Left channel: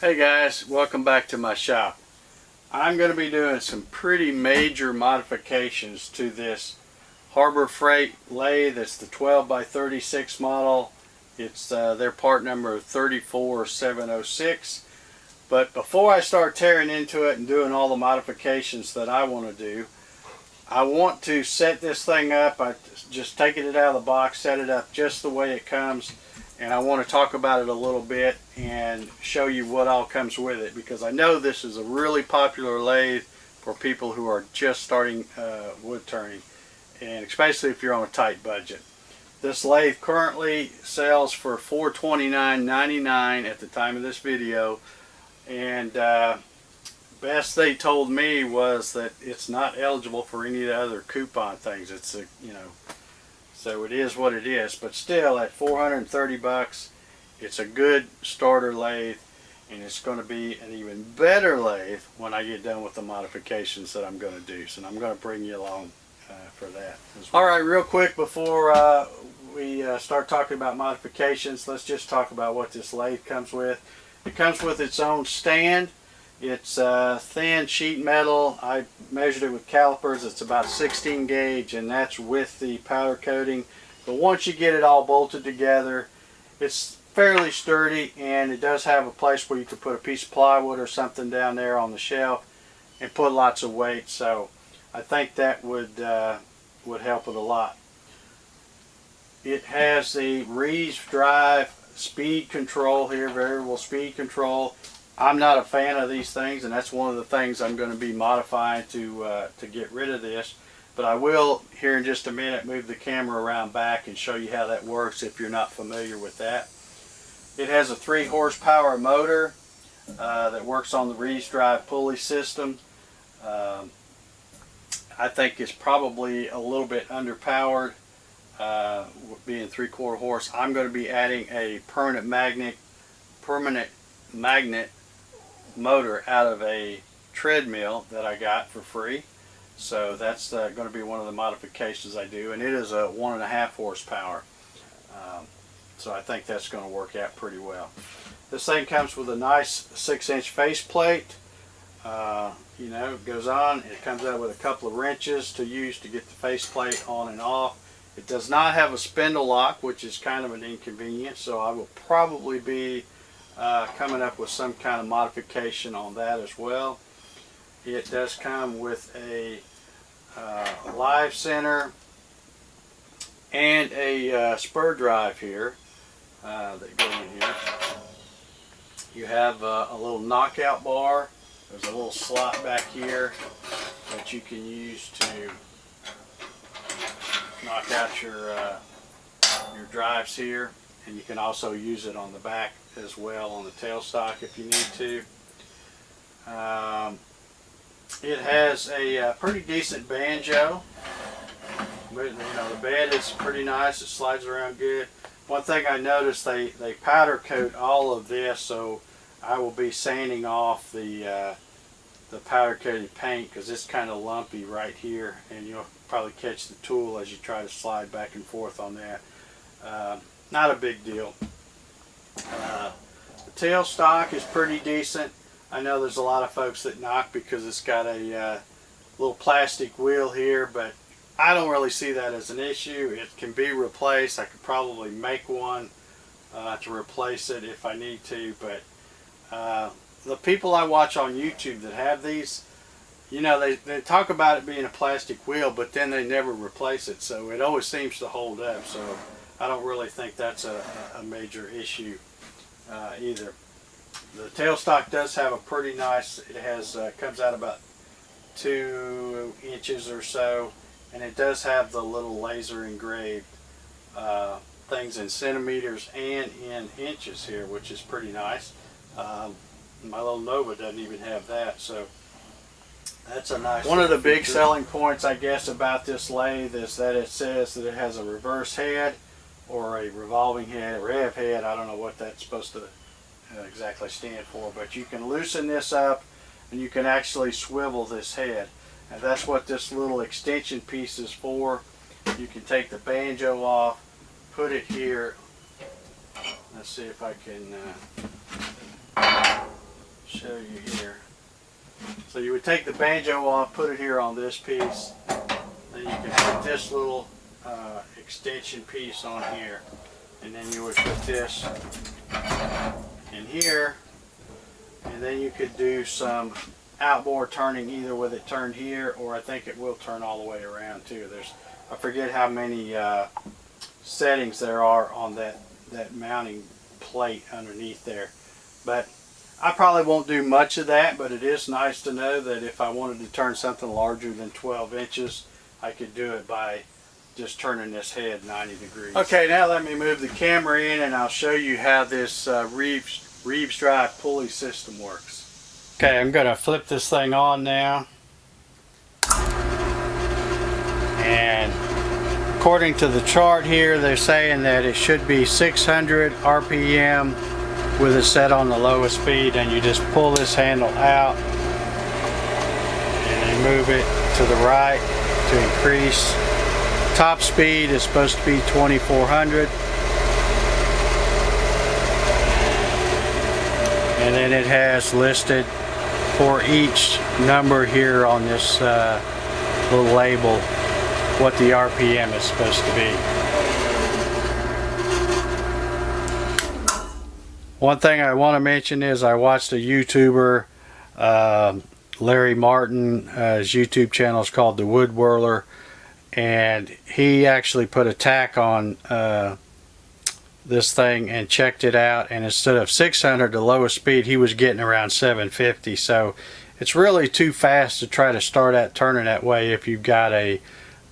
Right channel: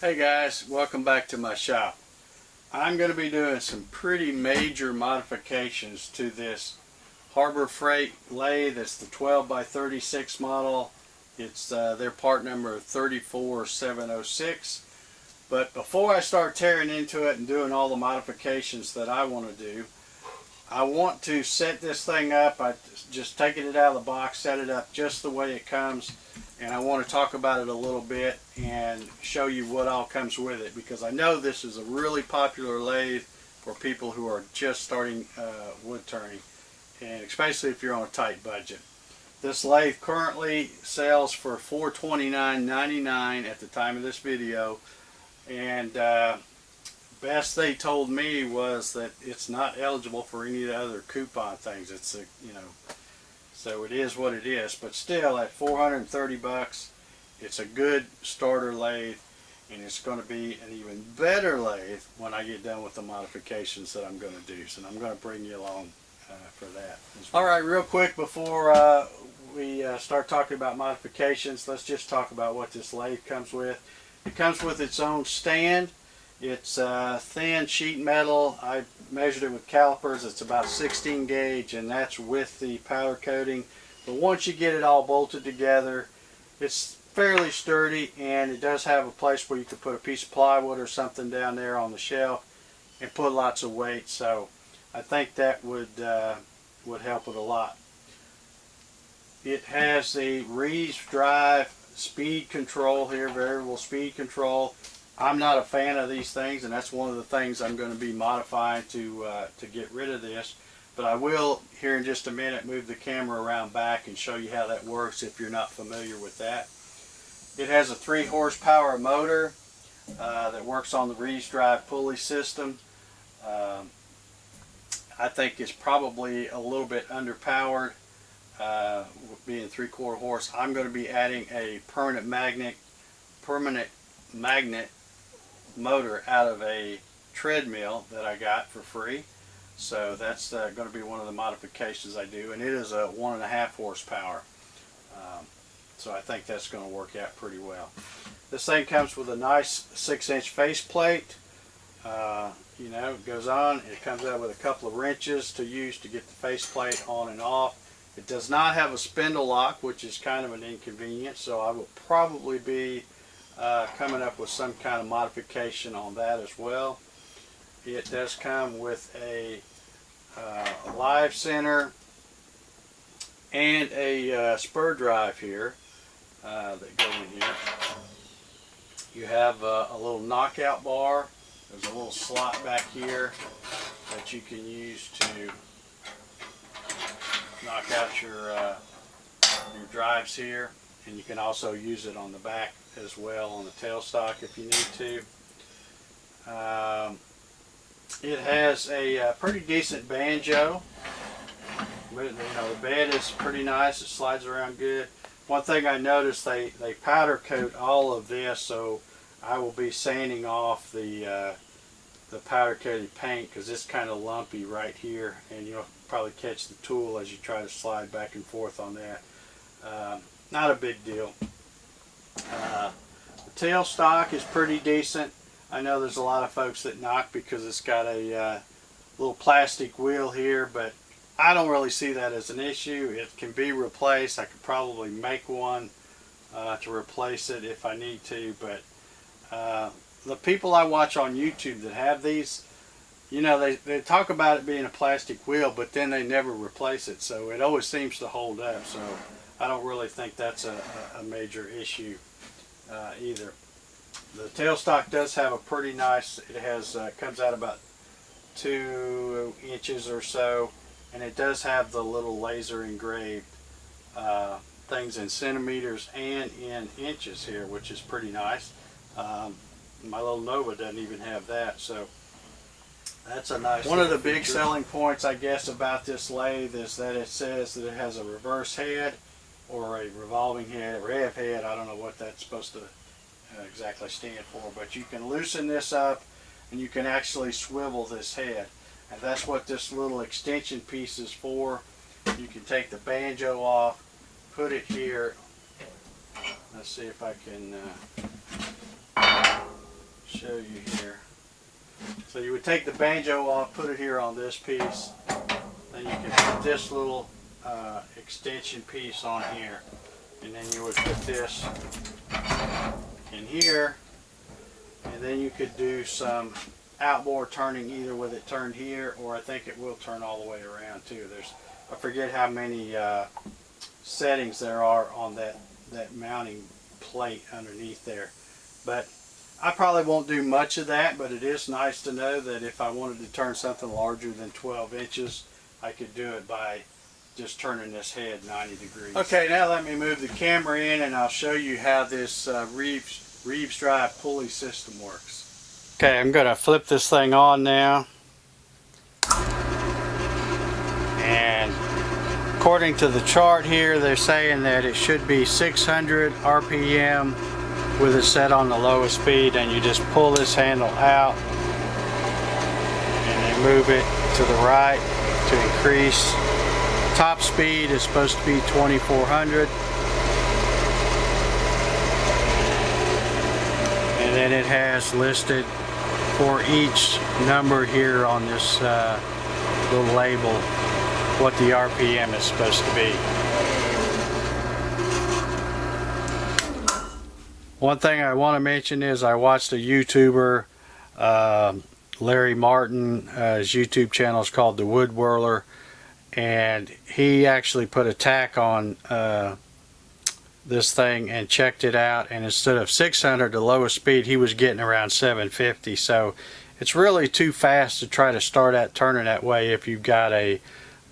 Hey guys, welcome back to my shop. I'm going to be doing some pretty major modifications to this Harbor Freight Lathe. It's the 12 by 36 model. It's their part number 34706. But before I start tearing into it and doing all the modifications that I want to do, I want to set this thing up. I just taking it out of the box, set it up just the way it comes, and I want to talk about it a little bit and show you what all comes with it, because I know this is a really popular lathe for people who are just starting wood turning, and especially if you're on a tight budget. This lathe currently sells for $429.99 at the time of this video, and best they told me was that it's not eligible for any of the other coupon things. It's a, so it is what it is, but still at 430 bucks, it's a good starter lathe, and it's going to be an even better lathe when I get done with the modifications that I'm going to do. So I'm going to bring you along for that as well. All right, real quick before we start talking about modifications, let's just talk about what this lathe comes with. It comes with its own stand. It's thin sheet metal. I measured it with calipers. It's about 16 gauge, and that's with the powder coating. But once you get it all bolted together, it's fairly sturdy, and it does have a place where you could put a piece of plywood or something down there on the shelf and put lots of weight. So I think that would help it a lot. It has the Reeves drive speed control here, variable speed control. I'm not a fan of these things, and that's one of the things I'm going to be modifying to get rid of this. But I will, here in just a minute, move the camera around back and show you how that works if you're not familiar with that. It has a 3 horsepower motor that works on the Reeves drive pulley system. I think it's probably a little bit underpowered, being 3/4 horse. I'm going to be adding a permanent magnet motor out of a treadmill that I got for free. So that's going to be one of the modifications I do, and it is a 1.5 horsepower. So I think that's going to work out pretty well. This thing comes with a nice 6-inch faceplate. It goes on. It comes out with a couple of wrenches to use to get the faceplate on and off. It does not have a spindle lock, which is kind of an inconvenience, so I will probably be coming up with some kind of modification on that as well. It does come with a live center and a spur drive here that go in here. You have a little knockout bar. There's a little slot back here that you can use to knock out your drives here, and you can also use it on the back as well on the tailstock if you need to. It has a pretty decent banjo. The bed is pretty nice. It slides around good. One thing I noticed, they powder coat all of this, so I will be sanding off the powder coated paint, because it's kind of lumpy right here, and you'll probably catch the tool as you try to slide back and forth on that. Not a big deal. The tailstock is pretty decent. I know there's a lot of folks that knock because it's got a little plastic wheel here, but I don't really see that as an issue. It can be replaced. I could probably make one to replace it if I need to, but the people I watch on YouTube that have these, they talk about it being a plastic wheel, but then they never replace it, so it always seems to hold up. So I don't really think that's a major issue either. The tailstock does have a pretty nice, it has comes out about 2 inches or so, and it does have the little laser engraved things in centimeters and in inches here, which is pretty nice. My little Nova doesn't even have that, so that's a nice one. Of the big selling points, I guess, about this lathe is that it says that it has a reverse head or a revolving head, rev head. I don't know what that's supposed to exactly stand for, but you can loosen this up and you can actually swivel this head, and that's what this little extension piece is for. You can take the banjo off, put it here. Let's see if I can show you here. So you would take the banjo off, put it here on this piece, then you can put this little extension piece on here, and then you would put this in here, and then you could do some outboard turning either with it turned here, or I think it will turn all the way around too. I forget how many settings there are on that mounting plate underneath there, but I probably won't do much of that, but it is nice to know that if I wanted to turn something larger than 12 inches, I could do it by just turning this head 90 degrees. Okay, now let me move the camera in and I'll show you how this Reeves drive pulley system works. Okay, I'm going to flip this thing on now. And according to the chart here, they're saying that it should be 600 RPM with it set on the lowest speed, and you just pull this handle out and move it to the right to increase. Top speed is supposed to be 2400, and then it has listed for each number here on this little label what the RPM is supposed to be. One thing I want to mention is I watched a YouTuber, Larry Martin. His YouTube channel is called the Whirler, and he actually put a tack on this thing and checked it out, and instead of 600, the lowest speed, he was getting around 750. So it's really too fast to try to start out turning that way if you've got a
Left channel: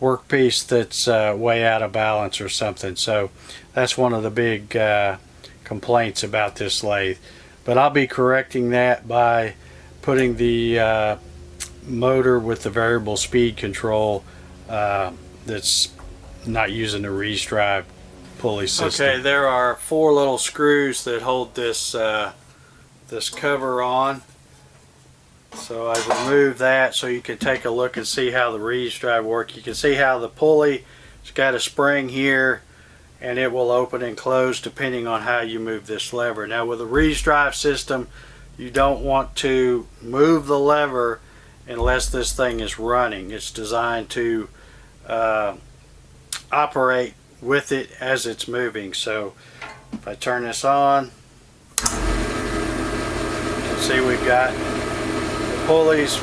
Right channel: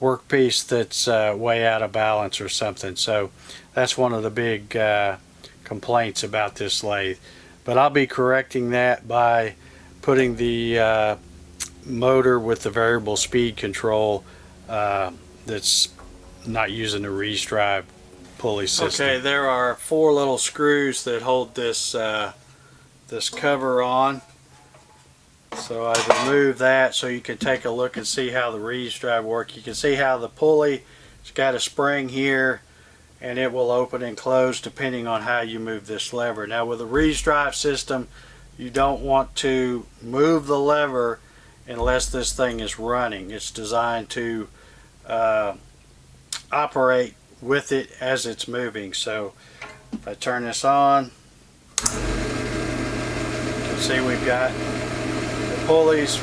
workpiece that's way out of balance or something. So that's one of the big complaints about this lathe, but I'll be correcting that by putting the motor with the variable speed control that's not using the Reeves drive pulley system. Okay, there are 4 little screws that hold this this cover on, so I've removed that so you can take a look and see how the Reeves drive works. You can see how the pulley, it's got a spring here, and it will open and close depending on how you move this lever. Now with the Reeves drive system, you don't want to move the lever unless this thing is running. It's designed to operate with it as it's moving. So if I turn this on, you can see we've got the pulleys,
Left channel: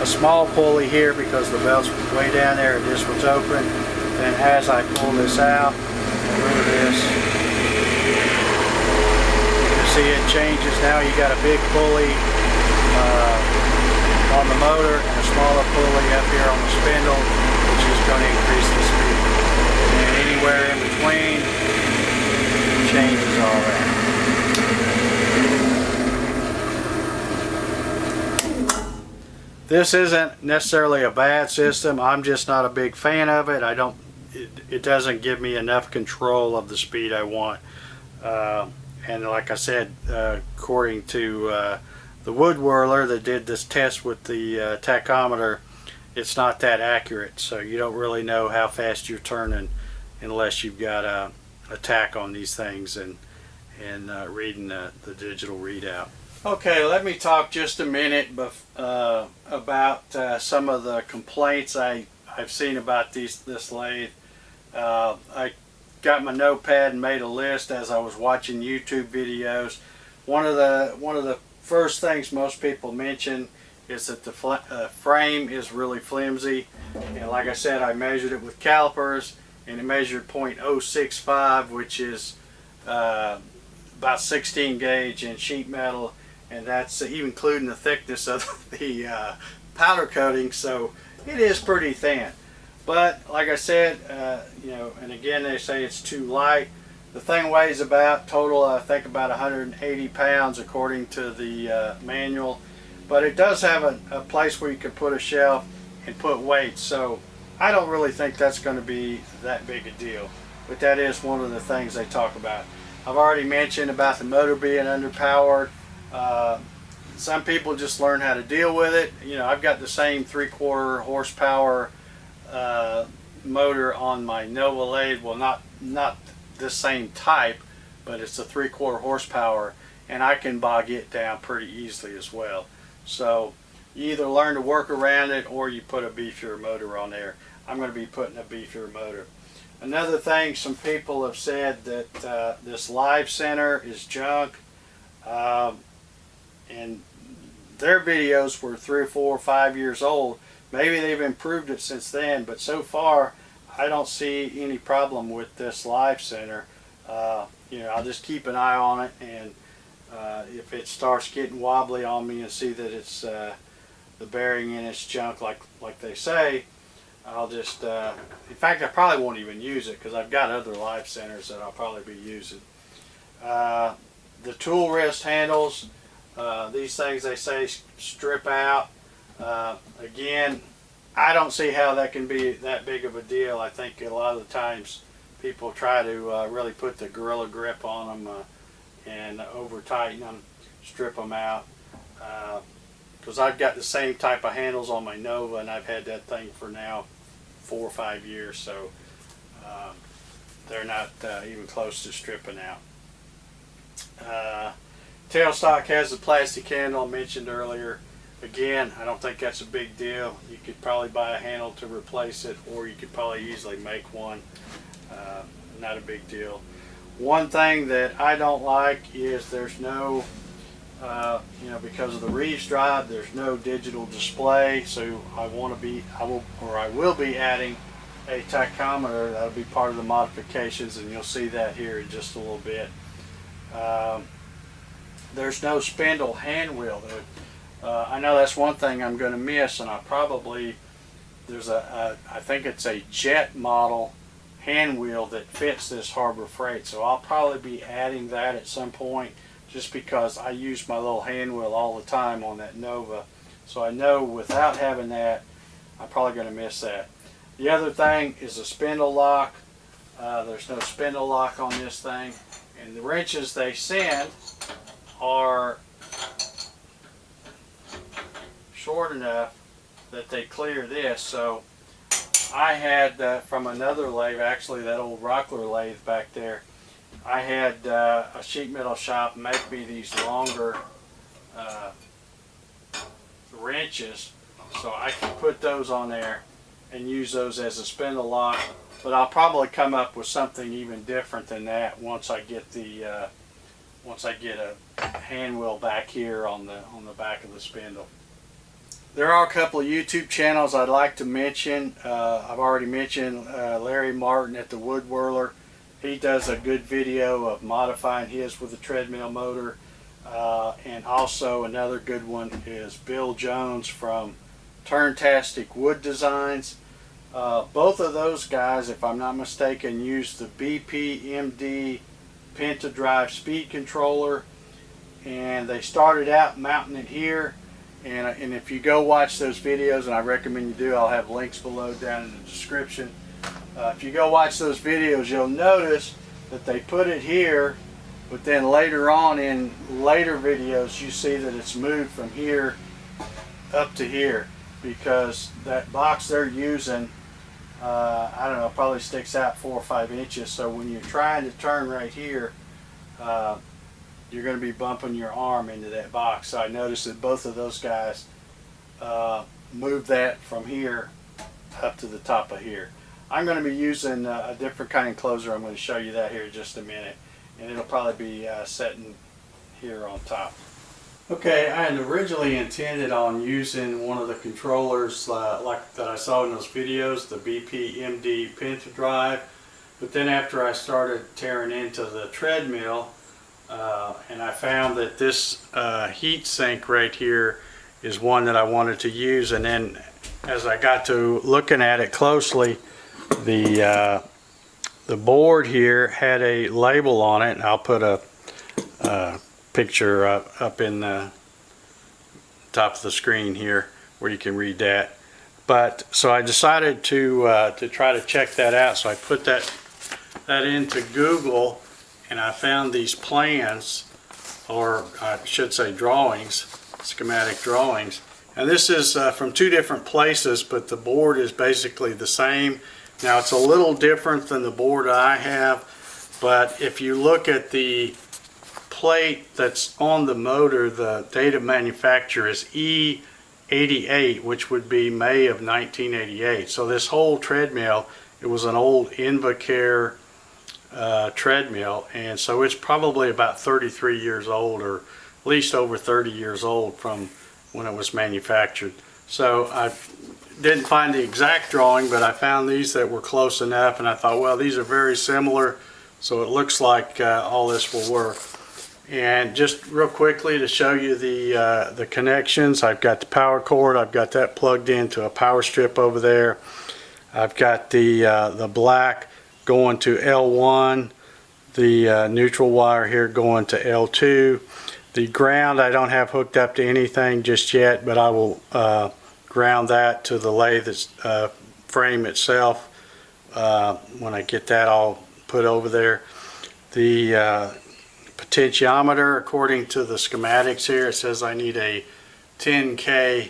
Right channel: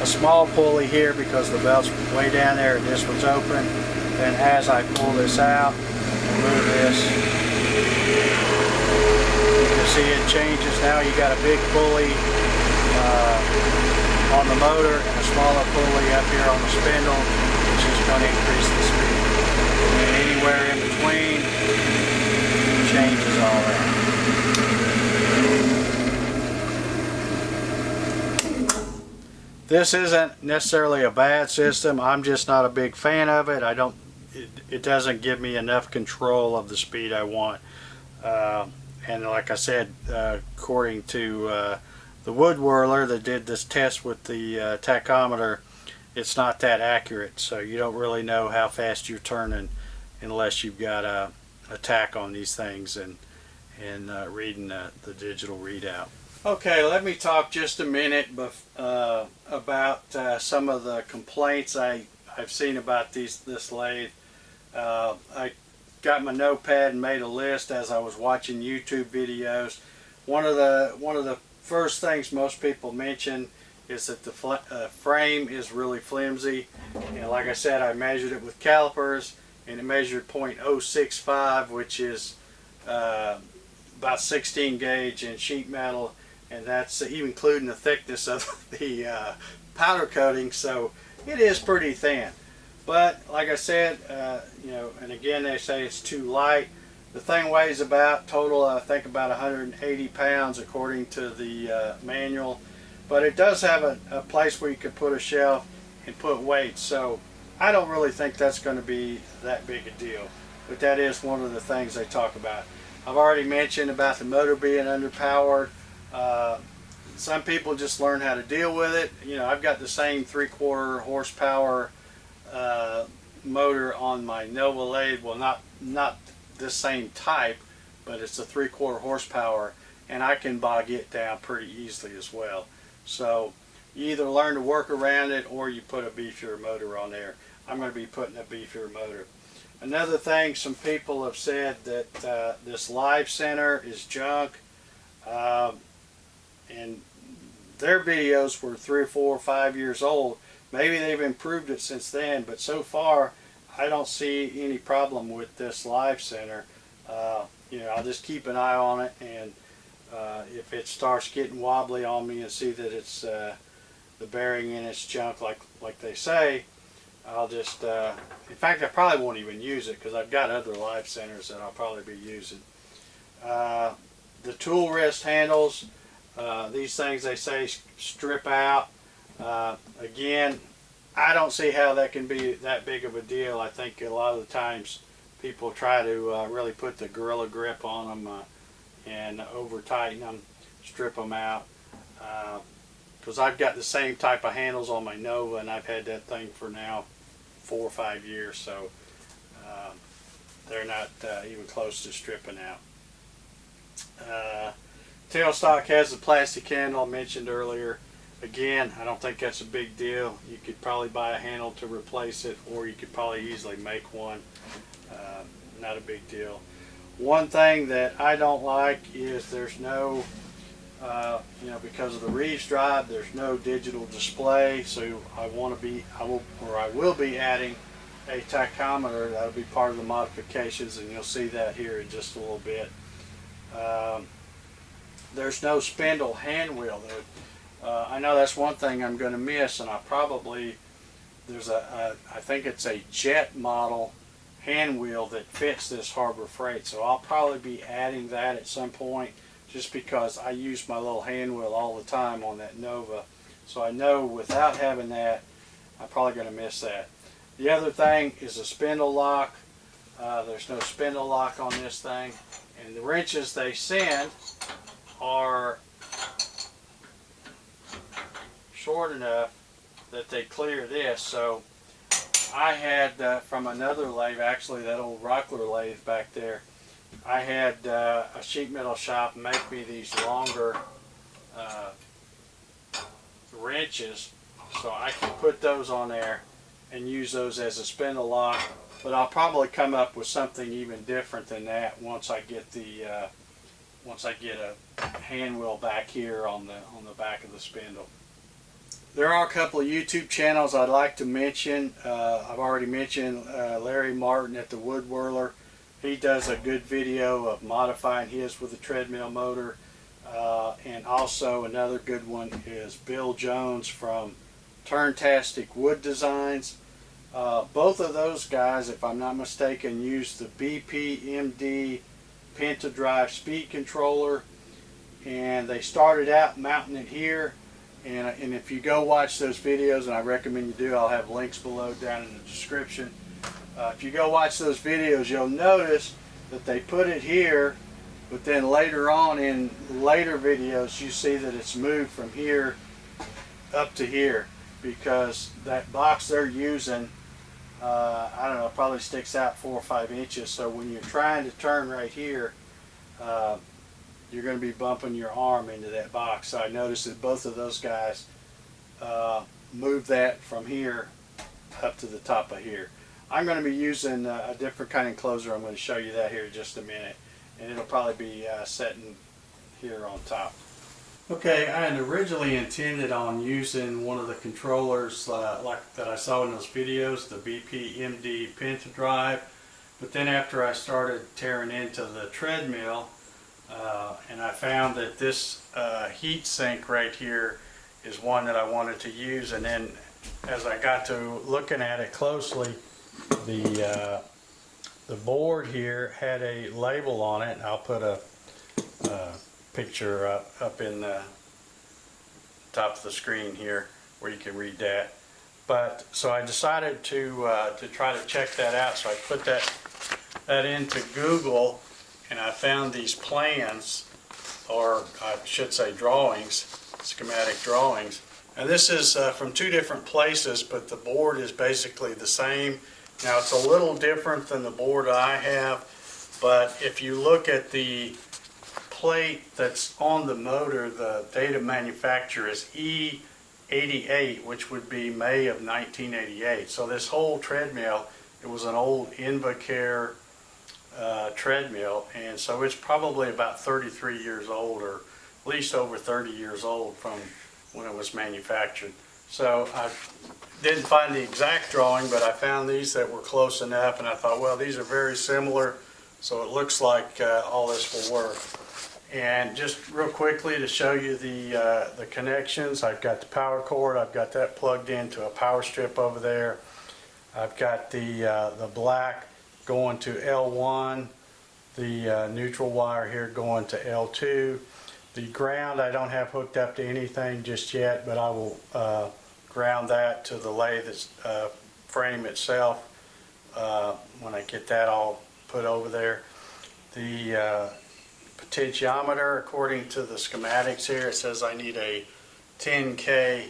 a small pulley here because the belt's way down there and this one's open. Then as I pull this out, move this, you can see it changes. Now you got a big pulley on the motor and a smaller pulley up here on the spindle, which is going to increase the speed. And anywhere in between changes all that. This isn't necessarily a bad system. I'm just not a big fan of it. It doesn't give me enough control of the speed I want. And like I said, according to the Whirler that did this test with the tachometer, it's not that accurate. So you don't really know how fast you're turning unless you've got a tach on these things and reading the digital readout. Okay, let me talk just a minute about some of the complaints I've seen about this lathe. I got my notepad and made a list as I was watching YouTube videos. One of the first things most people mention is that the frame is really flimsy. And like I said, I measured it with calipers, and it measured .065, which is about 16 gauge in sheet metal, and that's even including the thickness of the powder coating. So it is pretty thin. But like I said, you know, and again they say it's too light. The thing weighs about total, I think, about 180 pounds according to the manual. But it does have a place where you can put a shelf and put weights. So I don't really think that's going to be that big a deal. But that is one of the things they talk about. I've already mentioned about the motor being underpowered. Some people just learn how to deal with it. You know, I've got the same 3/4 horsepower motor on my Nova lathe. Well, not the same type, but it's a 3/4 horsepower, and I can bog it down pretty easily as well. So you either learn to work around it or you put a beefier motor on there. I'm going to be putting a beefier motor. Another thing, some people have said that this live center is junk, and their videos were 3 or 4 or 5 years old. Maybe they've improved it since then, but so far I don't see any problem with this live center. You know, I'll just keep an eye on it, and if it starts getting wobbly on me and see that it's the bearing in its junk like they say, I'll just, in fact, I probably won't even use it because I've got other live centers that I'll probably be using. The tool wrist handles, these things they say strip out. Again, I don't see how that can be that big of a deal. I think a lot of the times people try to really put the gorilla grip on them and over tighten them, strip them out. Because I've got the same type of handles on my Nova, and I've had that thing for now 4 or 5 years, so they're not even close to stripping out. Tailstock has the plastic handle I mentioned earlier. Again, I don't think that's a big deal. You could probably buy a handle to replace it, or you could probably easily make one. Not a big deal. One thing that I don't like is there's no, you know, because of the Reeves drive, there's no digital display. So I will be adding a tachometer. That'll be part of the modifications, and you'll see that here in just a little bit. There's no spindle hand wheel though. I know that's one thing I'm going to miss, and there's I think it's a jet model hand wheel that fits this Harbor Freight, so I'll probably be adding that at some point, just because I use my little hand wheel all the time on that Nova. So I know without having that, I'm probably going to miss that. The other thing is a spindle lock. There's no spindle lock on this thing, and the wrenches they send are short enough that they clear this. So I had from another lathe, actually that old Rockler lathe back there, I had a sheet metal shop make me these longer wrenches, so I can put those on there and use those as a spindle lock. But I'll probably come up with something even different than that once I get a hand wheel back here on the back of the spindle. There are a couple of YouTube channels I'd like to mention. I've already mentioned Larry Martin at the Wood Whirler. He does a good video of modifying his with a treadmill motor. And also another good one is Bill Jones from Turntastic Wood Designs. Both of those guys, if I'm not mistaken, use the BPMD Penta Drive speed controller, and they started out mounting it here. And if you go watch those videos, and I recommend you do, I'll have links below down in the description. If you go watch those videos, you'll notice that they put it here, but then later on in later videos you see that it's moved from here up to here, because that box they're using, I don't know, probably sticks out 4 or 5 inches. So when you're trying to turn right here, you're going to be bumping your arm into that box. So I noticed that both of those guys moved that from here up to the top of here. I'm going to be using a different kind of enclosure. I'm going to show you that here in just a minute, and it'll probably be setting here on top. Okay, I had originally intended on using one of the controllers like that I saw in those videos, the BPMD Penta Drive, but then after I started tearing into the treadmill, and I found that this heat sink right here is one that I wanted to use, and then as I got to looking at it closely, the board here had a label on it, and I'll put a picture up in the top of the screen here where you can read that. But so I decided to try to check that out, so I put that into Google, and I found these plans, or I should say drawings, schematic drawings. And this is from 2 different places, but the board is basically the same. Now it's a little different than the board I have, but if you look at the plate that's on the motor, the date of manufacture is E88, which would be May of 1988. So this whole treadmill, it was an old Invacare treadmill, and so it's probably about 33 years old, or at least over 30 years old from when it was manufactured. So I didn't find the exact drawing, but I found these that were close enough, and I thought, well, these are very similar, so it looks like all this will work. And just real quickly to show you the connections, I've got the power cord, I've got that plugged into a power strip over there. I've got the black going to L1, the neutral wire here going to L2. The ground I don't have hooked up to anything just yet, but I will ground that to the lathe frame itself when I get that all put over there. The potentiometer, according to the schematics here, it says I need a 10K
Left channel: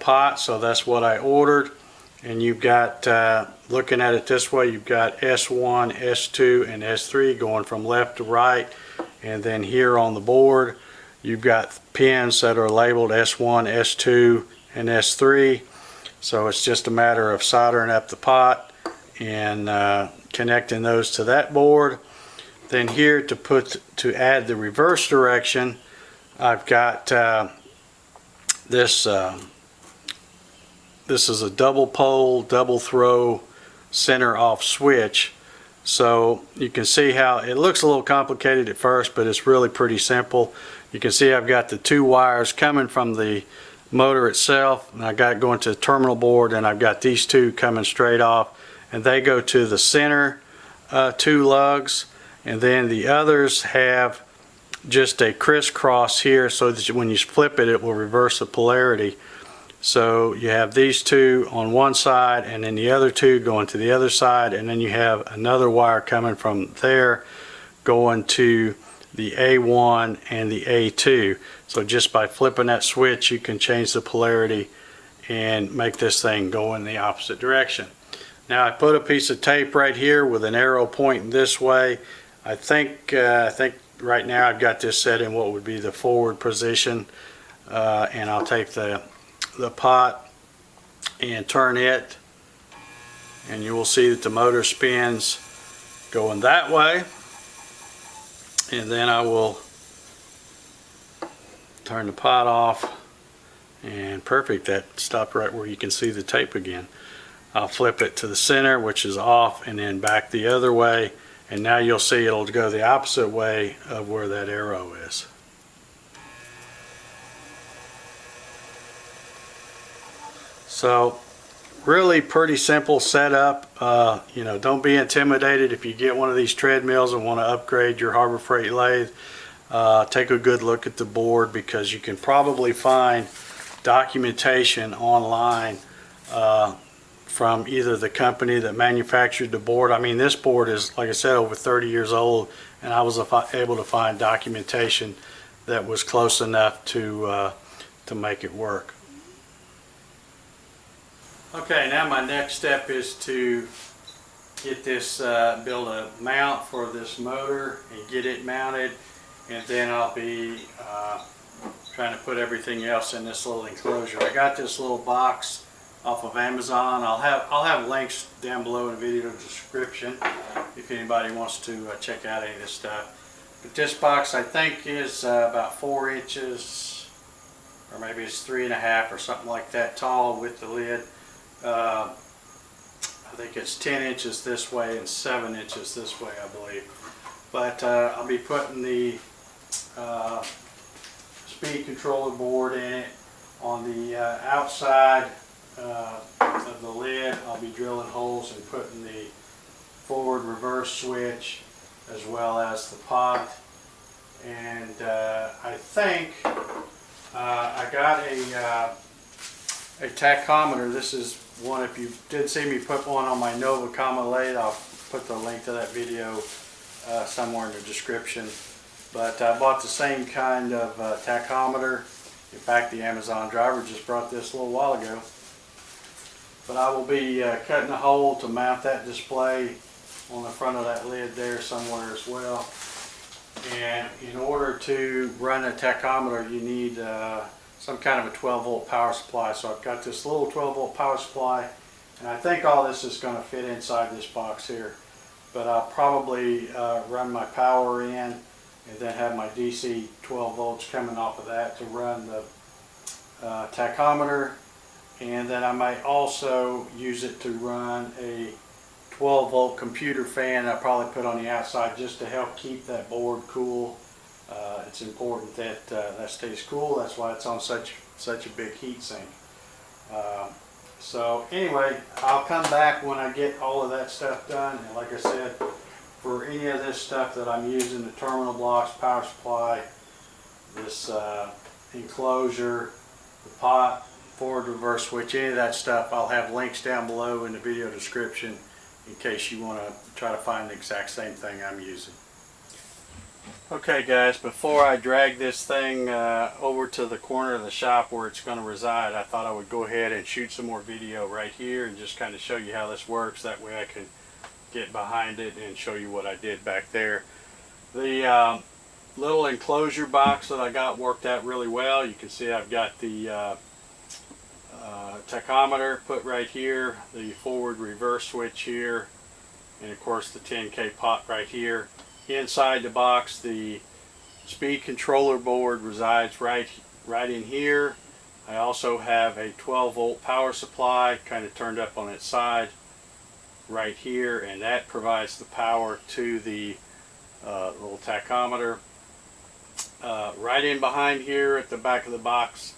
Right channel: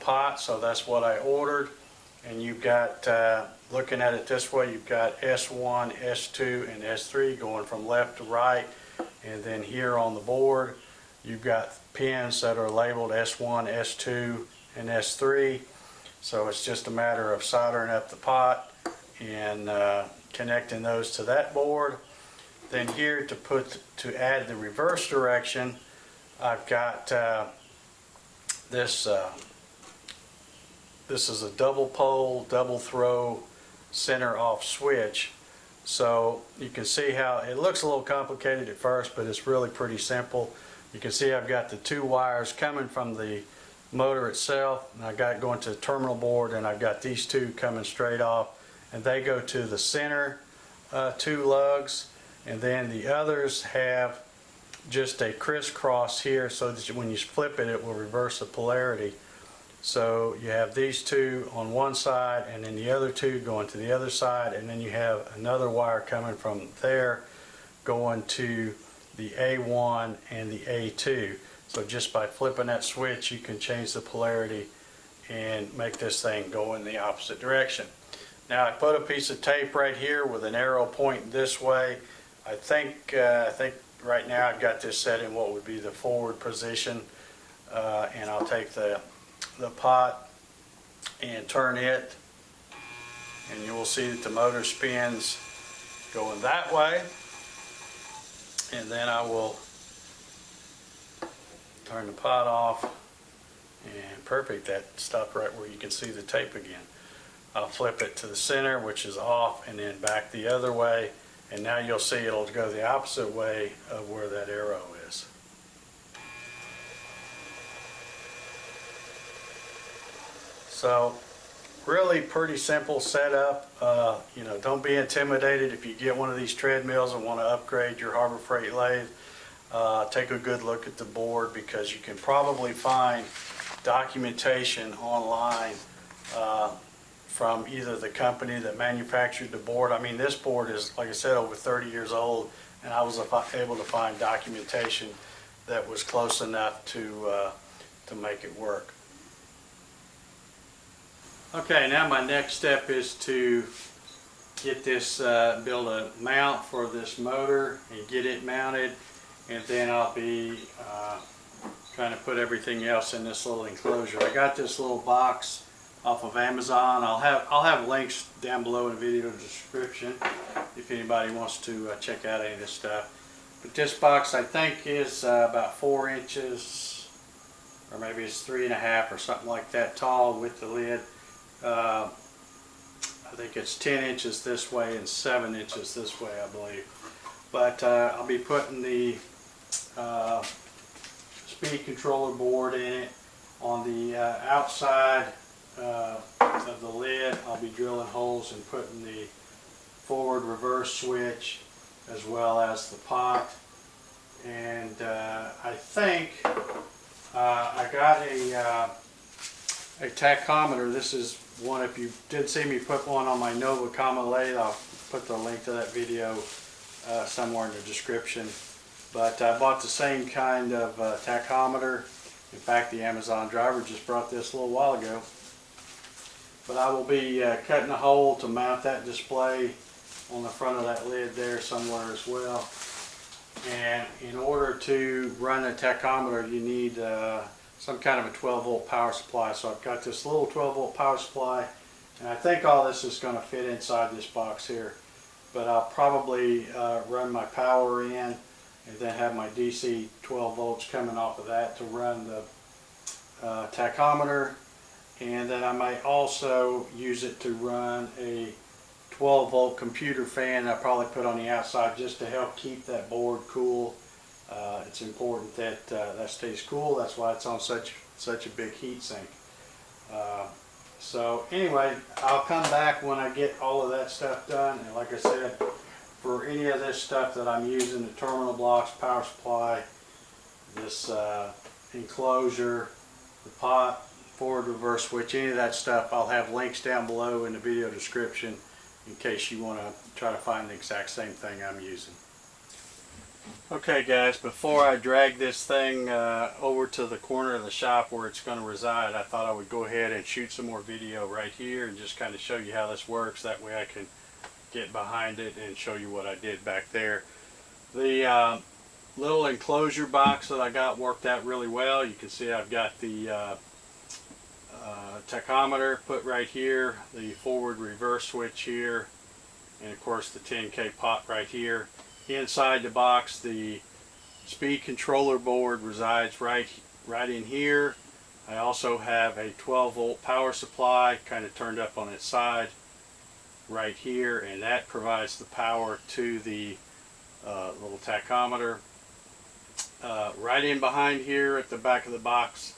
pot, so that's what I ordered. And you've got, looking at it this way, you've got S1, S2, and S3 going from left to right. And then here on the board, you've got pins that are labeled S1, S2, and S3. So it's just a matter of soldering up the pot and connecting those to that board. Then here to add the reverse direction, I've got this is a double pole, double throw, center off switch. So you can see how it looks a little complicated at first, but it's really pretty simple. You can see I've got the two wires coming from the motor itself, and I got going to the terminal board, and I've got these two coming straight off, and they go to the center two lugs, and then the others have just a crisscross here, so that when you flip it, it will reverse the polarity. So you have these two on one side, and then the other two going to the other side, and then you have another wire coming from there going to the A1 and the A2. So just by flipping that switch, you can change the polarity and make this thing go in the opposite direction. Now I put a piece of tape right here with an arrow pointing this way. I think right now I've got this set in what would be the forward position, and I'll take the pot and turn it, and you will see that the motor spins going that way, and then I will turn the pot off, and perfect, that stopped right where you can see the tape again. I'll flip it to the center, which is off, and then back the other way, and now you'll see it'll go the opposite way of where that arrow is. So really pretty simple setup. You know, don't be intimidated if you get one of these treadmills and want to upgrade your Harbor Freight lathe. Take a good look at the board, because you can probably find documentation online from either the company that manufactured the board. I mean, this board is, like I said, over 30 years old, and I was able to find documentation that was close enough to make it work. Okay, now my next step is to get this, build a mount for this motor and get it mounted, and then I'll be trying to put everything else in this little enclosure. I got this little box off of Amazon. I'll have links down below in the video description if anybody wants to check out any of this stuff. But this box I think is about 4 inches, or maybe it's 3.5 or something like that tall with the lid. I think it's 10 inches this way and 7 inches this way, I believe. But I'll be putting the speed controller board in it. On the outside of the lid, I'll be drilling holes and putting the forward reverse switch as well as the pot. And I think I got a tachometer. This is one, if you did see me put one on my Nova Comma lathe, I'll put the link to that video somewhere in the description. But I bought the same kind of tachometer. In fact, the Amazon driver just brought this a little while ago. But I will be cutting a hole to mount that display on the front of that lid there somewhere as well. And in order to run a tachometer, you need some kind of a 12 volt power supply. So I've got this little 12 volt power supply, and I think all this is going to fit inside this box here. But I'll probably run my power in and then have my DC 12 volts coming off of that to run the tachometer. And then I might also use it to run a 12 volt computer fan I'll probably put on the outside just to help keep that board cool. It's important that that stays cool. That's why it's on such a big heat sink. So anyway, I'll come back when I get all of that stuff done. And like I said, for any of this stuff that I'm using, the terminal blocks, power supply, this enclosure, the pot, forward reverse switch, any of that stuff, I'll have links down below in the video description in case you want to try to find the exact same thing I'm using. Okay guys, before I drag this thing over to the corner of the shop where it's going to reside, I thought I would go ahead and shoot some more video right here and just kind of show you how this works. That way I can get behind it and show you what I did back there. The little enclosure box that I got worked out really well. You can see I've got the tachometer put right here, the forward reverse switch here, and of course the 10K pot right here. Inside the box, the speed controller board resides right in here. I also have a 12 volt power supply kind of turned up on its side right here, and that provides the power to the little tachometer. Right in behind here at the back of the box,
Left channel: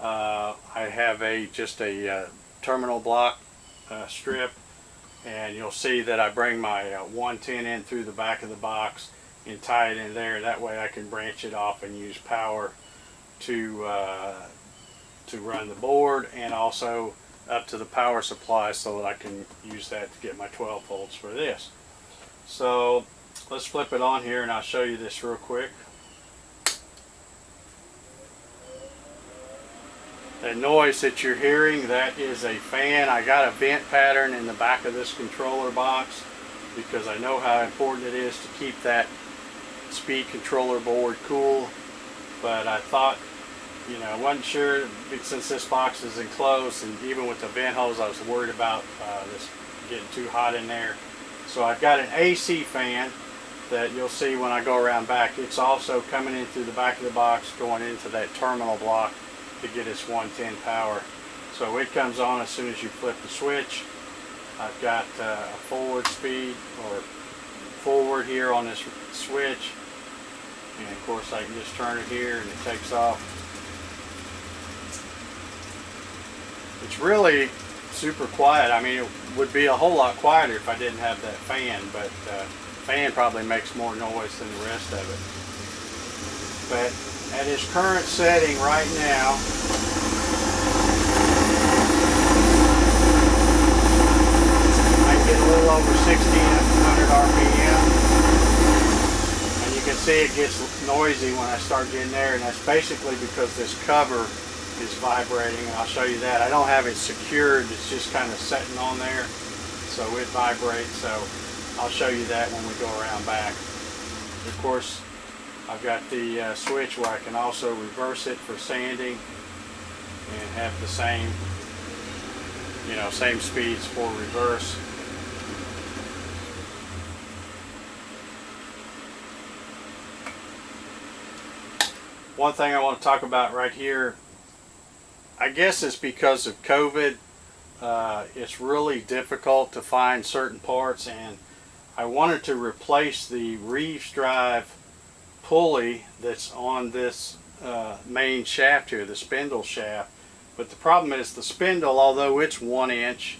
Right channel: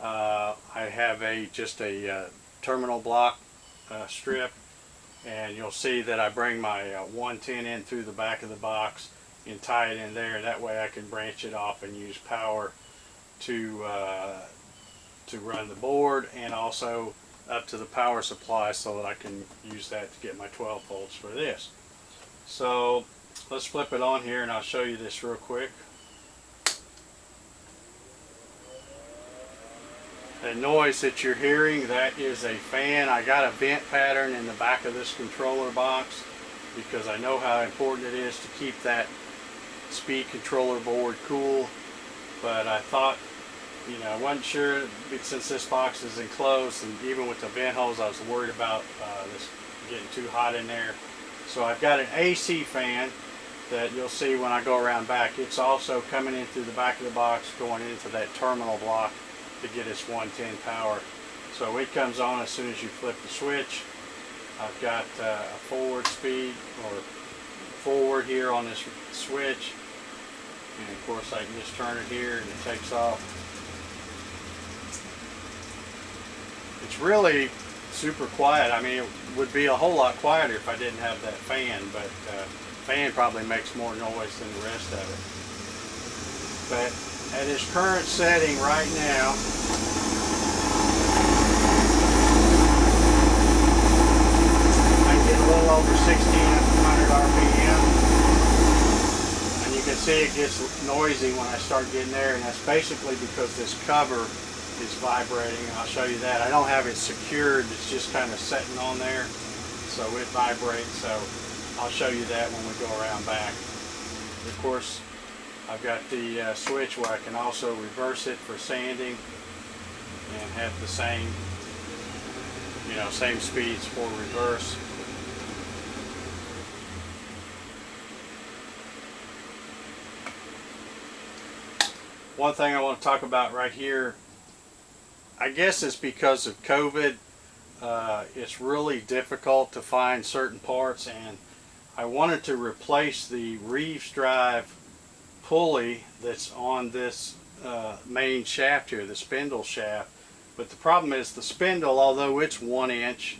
I have just a terminal block strip, and you'll see that I bring my 110 in through the back of the box and tie it in there. That way I can branch it off and use power to run the board, and also up to the power supply so that I can use that to get my 12 volts for this. So let's flip it on here and I'll show you this real quick. The noise that you're hearing, that is a fan. I got a vent pattern in the back of this controller box because I know how important it is to keep that speed controller board cool. But I thought, you know, I wasn't sure, since this box is enclosed, and even with the vent holes I was worried about this getting too hot in there. So I've got an AC fan that you'll see when I go around back. It's also coming in through the back of the box, going into that terminal block to get its 110 power. So it comes on as soon as you flip the switch. I've got a forward speed or forward here on this switch, and of course I can just turn it here and it takes off. It's really super quiet. I mean, it would be a whole lot quieter if I didn't have that fan, but the fan probably makes more noise than the rest of it. But at its current setting right now, I get a little over 1600 RPM, and you can see it gets noisy when I start getting there, and that's basically because this cover is vibrating, and I'll show you that. I don't have it secured, it's just kind of sitting on there, so it vibrates. So I'll show you that when we go around back. Of course, I've got the switch where I can also reverse it for sanding and have the same, you know, same speeds for reverse. One thing I want to talk about right here, I guess it's because of COVID, it's really difficult to find certain parts, and I wanted to replace the Reeves drive pulley that's on this main shaft here, the spindle shaft. But the problem is the spindle, although it's 1 inch,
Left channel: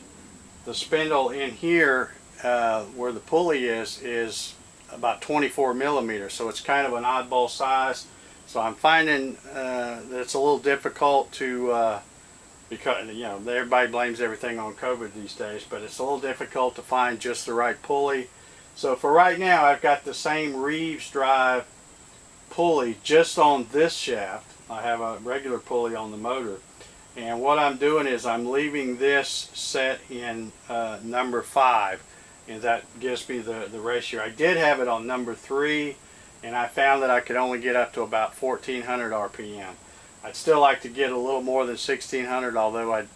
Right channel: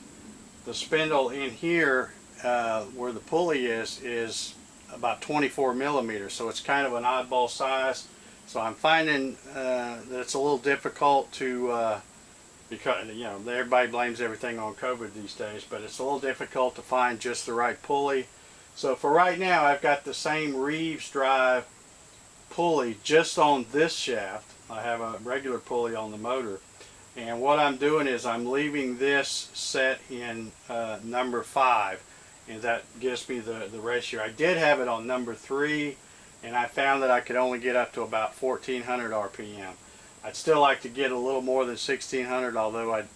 the spindle in here where the pulley is about 24 millimeters, so it's kind of an oddball size. So I'm finding that it's a little difficult to because, you know, everybody blames everything on COVID these days, but it's a little difficult to find just the right pulley. So for right now, I've got the same Reeves drive pulley just on this shaft. I have a regular pulley on the motor, and what I'm doing is I'm leaving this set in number 5, and that gives me the ratio. I did have it on number 3, and I found that I could only get up to about 1400 RPM. I'd still like to get a little more than 1600, although I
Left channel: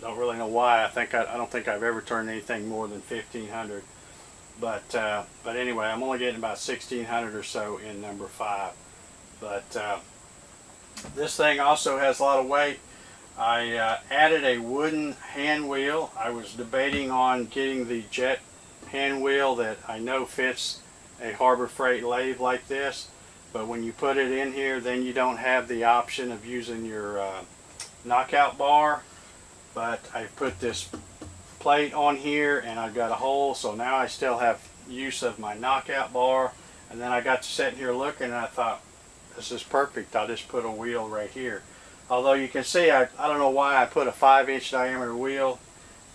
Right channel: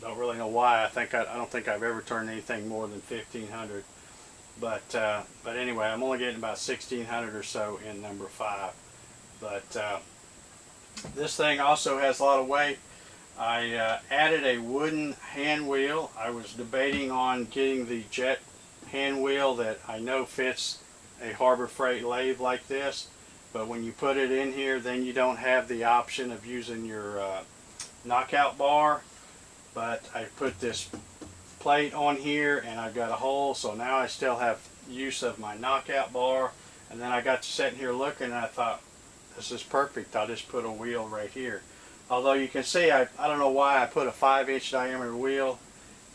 don't really know why. I don't think I've ever turned anything more than 1500. But anyway, I'm only getting about 1600 or so in number 5. But this thing also has a lot of weight. I added a wooden hand wheel. I was debating on getting the jet hand wheel that I know fits a Harbor Freight lathe like this, but when you put it in here, then you don't have the option of using your knockout bar. But I put this plate on here and I've got a hole, so now I still have use of my knockout bar. And then I got to sitting here looking and I thought, this is perfect. I'll just put a wheel right here. Although you can see, I don't know why I put a 5-inch diameter wheel,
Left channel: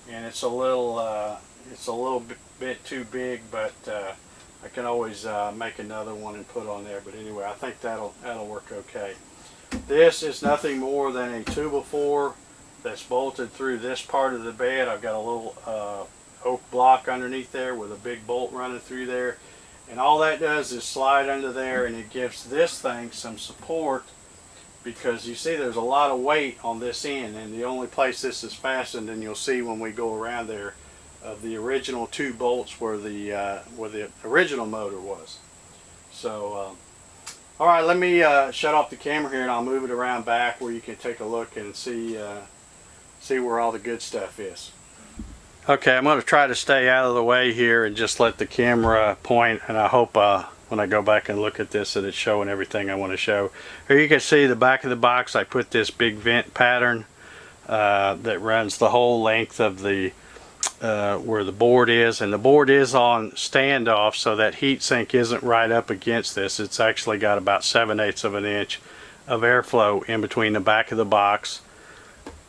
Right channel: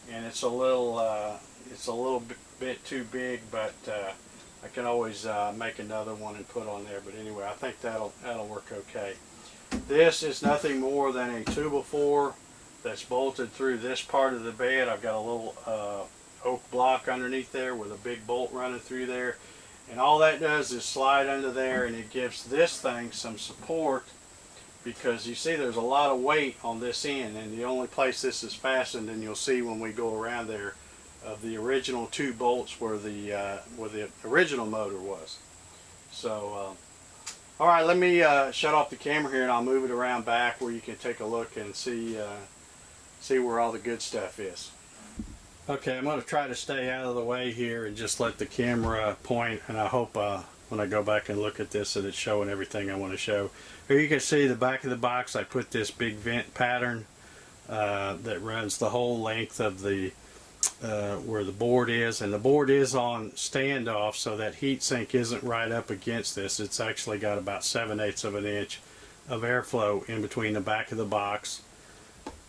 and it's a little bit too big, but I can always make another one and put on there. But anyway, I think that'll work okay. This is nothing more than a 2x4 that's bolted through this part of the bed. I've got a little oak block underneath there with a big bolt running through there, and all that does is slide under there, and it gives this thing some support, because you see there's a lot of weight on this end, and the only place this is fastened, and you'll see when we go around there, of the original 2 bolts where the original motor was. So all right, let me shut off the camera here and I'll move it around back where you can take a look and see where all the good stuff is. Okay, I'm going to try to stay out of the way here and just let the camera point, and I hope when I go back and look at this that it's showing everything I want to show. Here you can see the back of the box. I put this big vent pattern that runs the whole length of the where the board is, and the board is on standoff, so that heat sink isn't right up against this. It's actually got about 7/8 of an inch of airflow in between the back of the box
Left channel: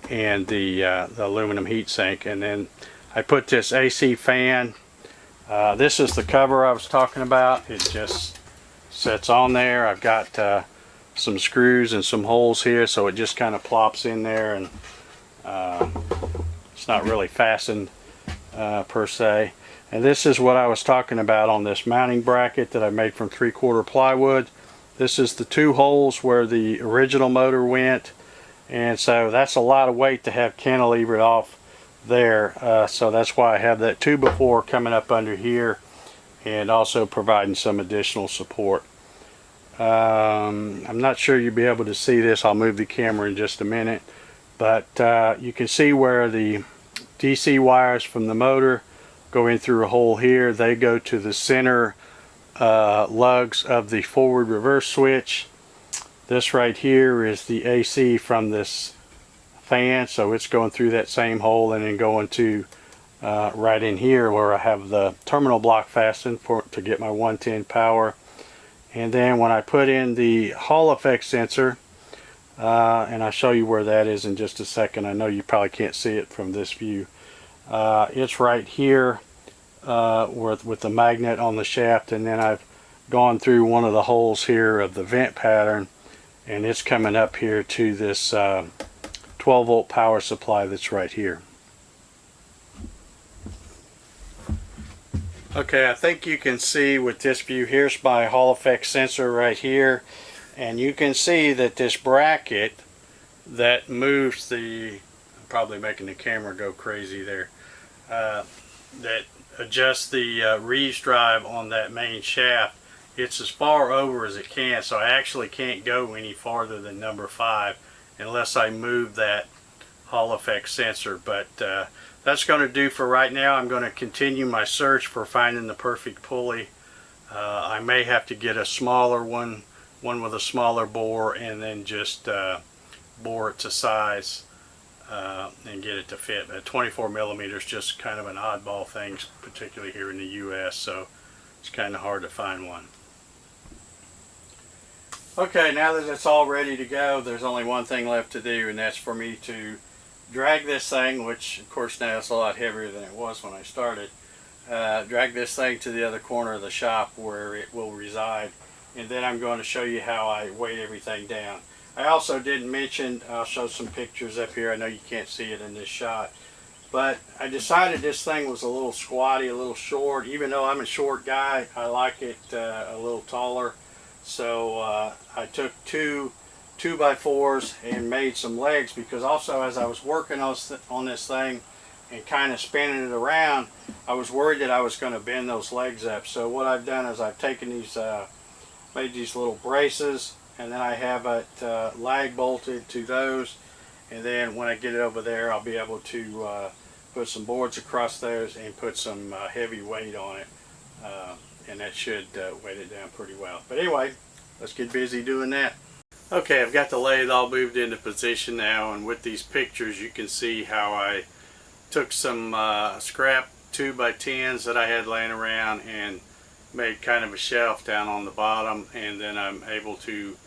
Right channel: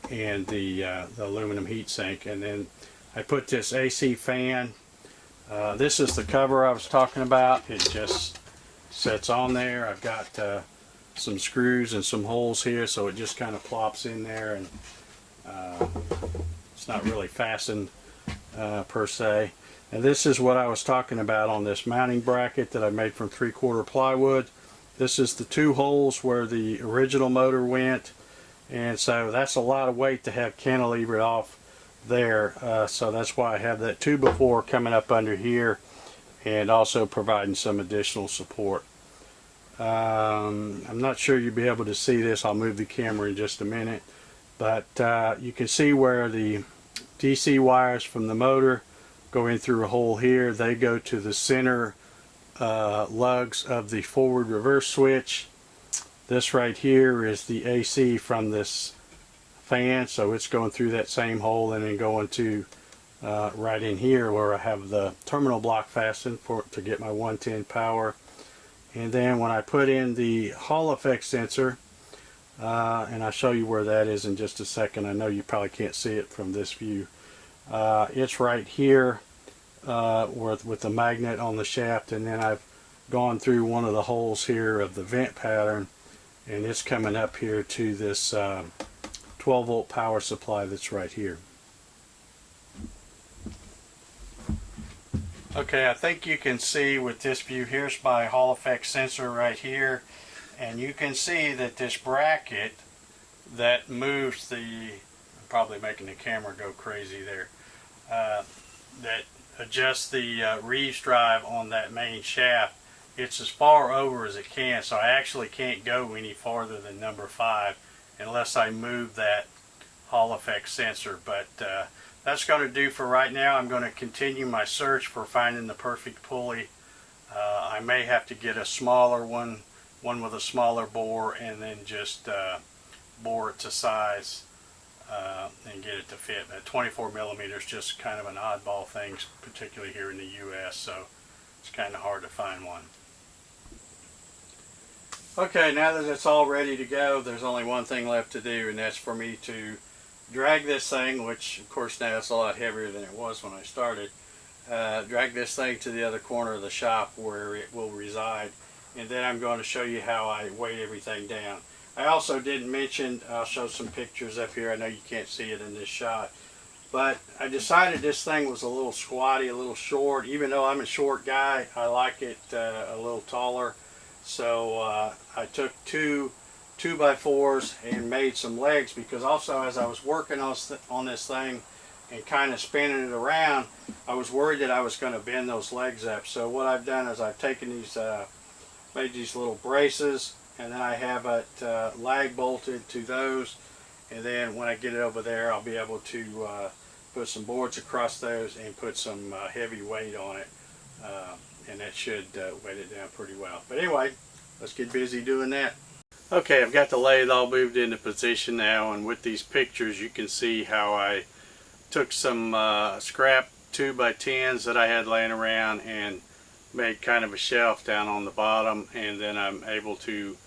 and the aluminum heat sink. And then I put this AC fan. This is the cover I was talking about. It just sits on there. I've got some screws and some holes here, so it just kind of plops in there, and it's not really fastened per se. And this is what I was talking about on this mounting bracket that I made from 3/4 plywood. This is the 2 holes where the original motor went, and so that's a lot of weight to have cantilevered off there, so that's why I have that 2x4 coming up under here and also providing some additional support. I'm not sure you'll be able to see this. I'll move the camera in just a minute, but you can see where the DC wires from the motor go in through a hole here. They go to the center lugs of the forward reverse switch. This right here is the AC from this fan, so it's going through that same hole and then going to right in here where I have the terminal block fastened to get my 110 power. And then when I put in the Hall effect sensor, and I'll show you where that is in just a second. I know you probably can't see it from this view. It's right here with the magnet on the shaft, and then I've gone through one of the holes here of the vent pattern, and it's coming up here to this 12-volt power supply that's right here. Okay, I think you can see with this view, here's my Hall effect sensor right here, and you can see that this bracket that moves the, I'm probably making the camera go crazy there, that adjusts the Reeves drive on that main shaft, it's as far over as it can, so I actually can't go any farther than number 5 unless I move that Hall effect sensor. But that's going to do for right now. I'm going to continue my search for finding the perfect pulley. I may have to get a smaller one with a smaller bore, and then just bore it to size and get it to fit. 24 millimeters just kind of an oddball thing, particularly here in the US, so it's kind of hard to find one. Okay, now that it's all ready to go, there's only one thing left to do, and that's for me to drag this thing, which of course now it's a lot heavier than it was when I started, drag this thing to the other corner of the shop where it will reside, and then I'm going to show you how I weigh everything down. I also didn't mention, I'll show some pictures up here, I know you can't see it in this shot, But I decided this thing was a little squatty, a little short. Even though I'm a short guy, I like it a little taller. So I took two 2x4s and made some legs, because also as I was working on this thing and kind of spinning it around, I was worried that I was going to bend those legs up. So what I've done is I've taken these, made these little braces, and then I have it lag bolted to those. And then when I get it over there, I'll be able to put some boards across those and put some heavy weight on it. And that should weight it down pretty well. But anyway, let's get busy doing that. Okay, I've got the lathe all moved into position now, and with these pictures you can see how I took some scrap 2x10s that I had laying around and made kind of a shelf down on the bottom, and then I'm able to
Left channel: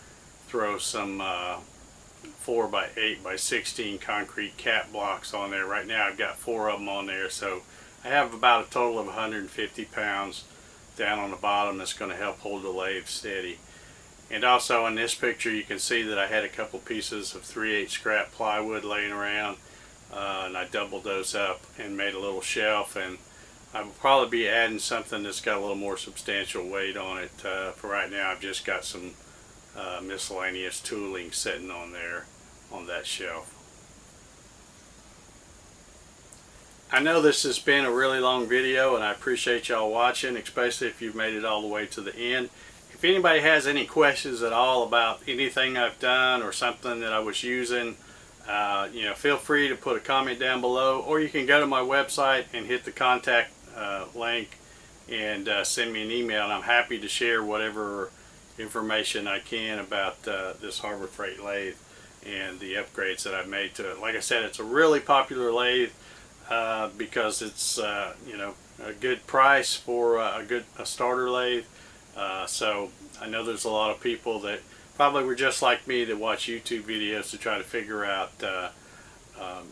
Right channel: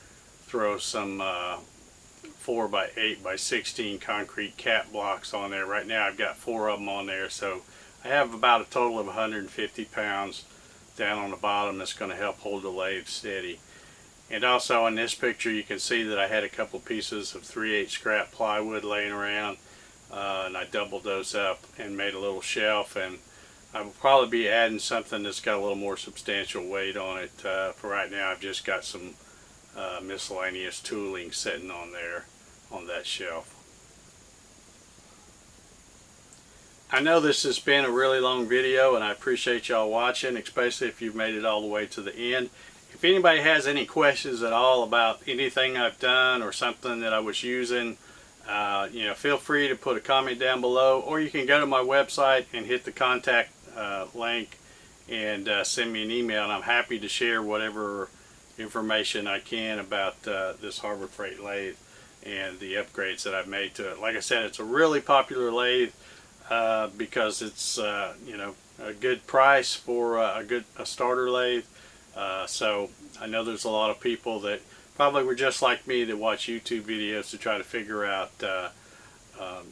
throw some 4x8x16 concrete cap blocks on there. Right now I've got 4 of them on there, so I have about a total of 150 pounds down on the bottom that's going to help hold the lathe steady. And also in this picture you can see that I had a couple pieces of 3/8 scrap plywood laying around, and I doubled those up and made a little shelf, and I will probably be adding something that's got a little more substantial weight on it. For right now I've just got some miscellaneous tooling sitting on there on that shelf. I know this has been a really long video, and I appreciate y'all watching, especially if you've made it all the way to the end. If anybody has any questions at all about anything I've done or something that I was using, you know, feel free to put a comment down below, or you can go to my website and hit the contact link and send me an email, and I'm happy to share whatever information I can about this Harbor Freight lathe and the upgrades that I've made to it. Like I said, it's a really popular lathe because it's you know, a good price for a starter lathe. So I know there's a lot of people that probably were just like me that watch YouTube videos to try to figure out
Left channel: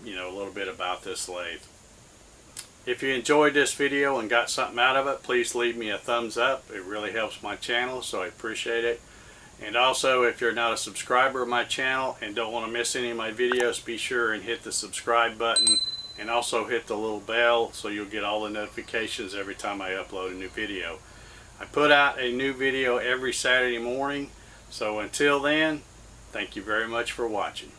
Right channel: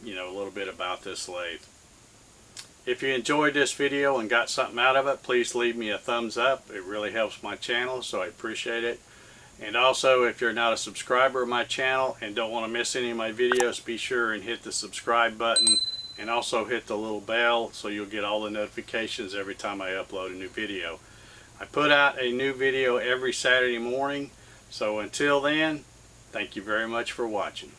you know, a little bit about this lathe. If you enjoyed this video and got something out of it, please leave me a thumbs up. It really helps my channel, so I appreciate it. And also, if you're not a subscriber of my channel and don't want to miss any of my videos, be sure and hit the subscribe button, and also hit the little bell so you'll get all the notifications every time I upload a new video. I put out a new video every Saturday morning, so until then, thank you very much for watching.